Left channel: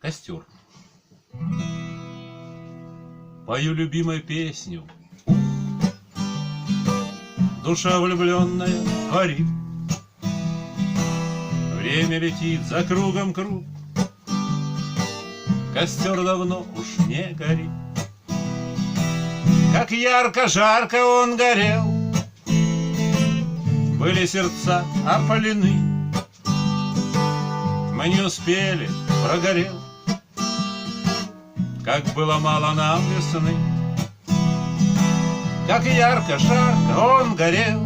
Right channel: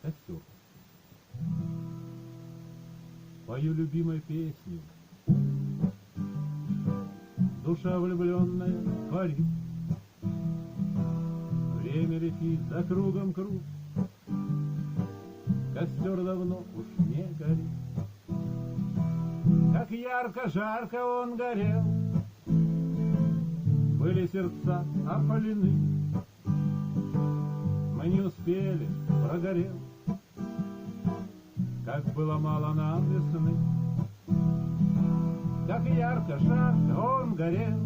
Костер. Пою любимую песню, душа влюбленная парит. Время летит за кругом круг, костер давно уж не горит. Как ярко-жарко он горел, были сердца опалены. Мы не успели, прогорел, как было мало нам весны. Как ярко-жарко он горел,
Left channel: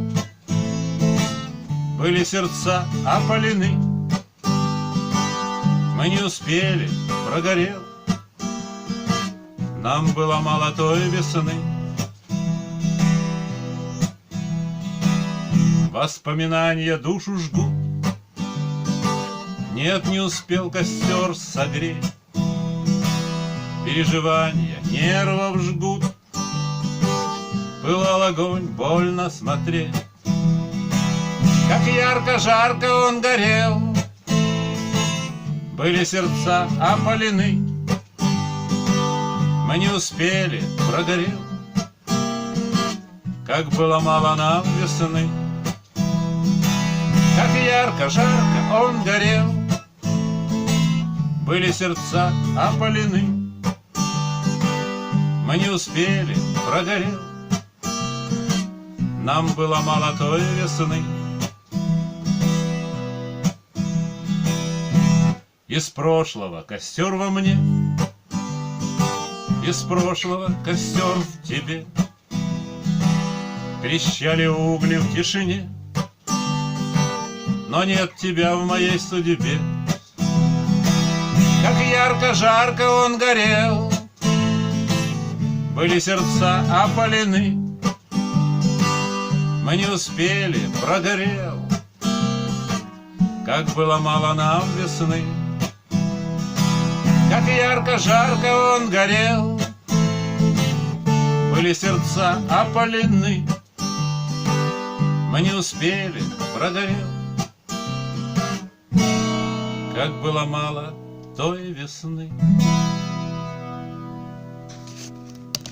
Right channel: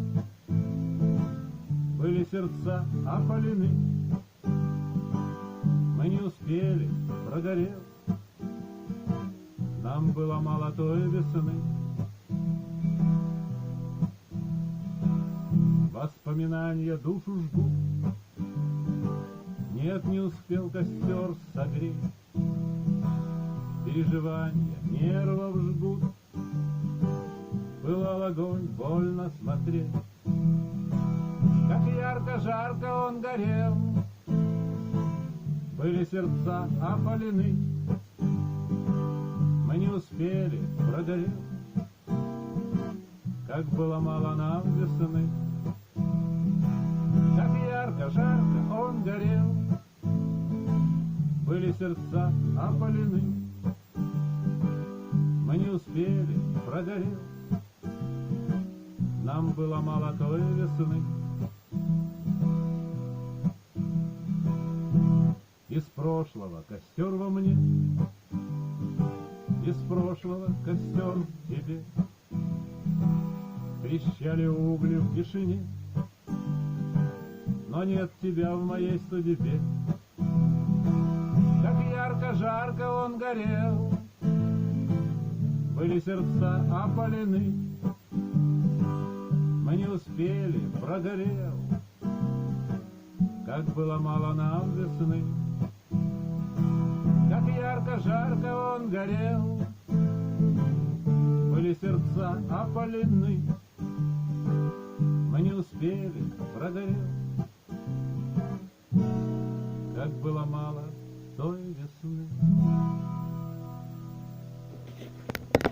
были сердца опалены. Мы не успели, прогорел, нам было мало той весны. Воспоминания душу жгут, нет, не успел костер согреть. Переживания нервов жгут, пылал огонь, больно смотреть. Как ярко-жарко он горел, были сердца опалены. Мы не успели, прогорел, как было мало нам весны. Как ярко-жарко он горел, были сердца опалены. Мы не успели, прогорел, нам было мало той весны. Из прошлого костер во мне, из прошлого костер в тебе. Трещали угли в тишине, но нет тебя в моей судьбе. Как ярко-жарко он горел, были сердца опалены. Мы не успели, прогорел, как было мало нам весны. Как ярко-жарко он горел, были сердца опалены. Мы не успели, прогорел, как было мало той весны.